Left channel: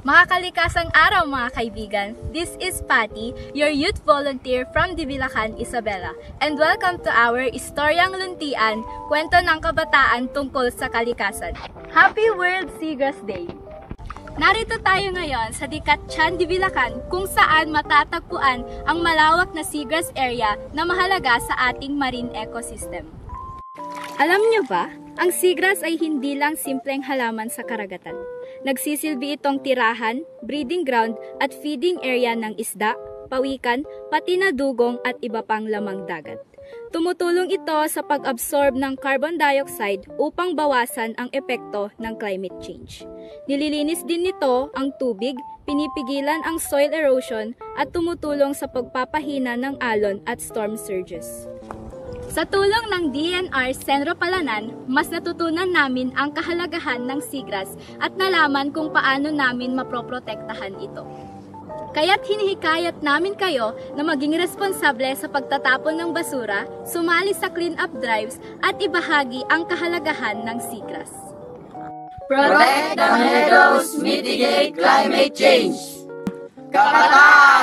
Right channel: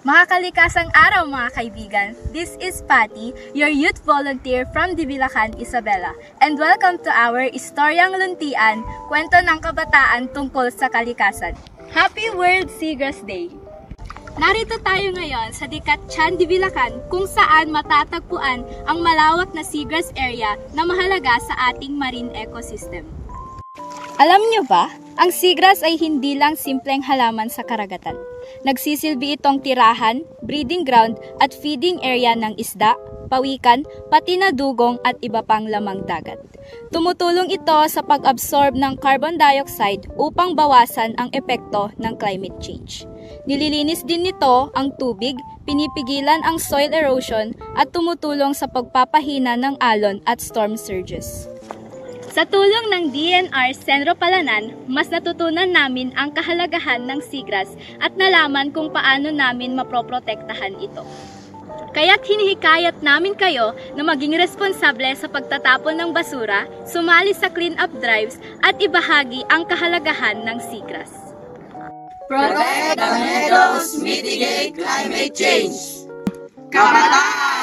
Mga kalikasang araw mga kaibigan, this is Patty, your youth volunteer from Divilacan, Isabela, and welcome to our Istoryang Luntian, kwento ng kabataan tungkol sa kalikasan. Happy World Seagrass Day! Narito tayo ngayon sa Dicatchan, Divilacan, kung saan matatagpuan ang malawak na seagrass area na mahalaga sa ating marine ecosystem. Alam niyo ba, ang seagrass ay hindi lang simpleng halaman sa karagatan. Nagsisilbi itong tirahan, breeding ground at feeding area ng isda, pawikan, pati na dugong at iba pang lamang dagat. Tumutulong ito sa pag-absorb ng carbon dioxide upang bawasan ang epekto ng climate change. Nililinis din nito ang tubig, pinipigilan ang soil erosion at tumutulong sa pagpapahina ng alon at storm surges. Sa tulong ng DNR Senro Palanan, mas natutunan namin ang kahalagahan ng seagrass at nalaman kung paano namin maproprotektahan ito. Kaya't hinihikayat namin kayo na maging responsable sa pagtatapon ng basura, sumali sa clean-up drives at ibahagi ang kahalagahan ng seagrass. Protect the meadows, mitigate climate change. Kabataan!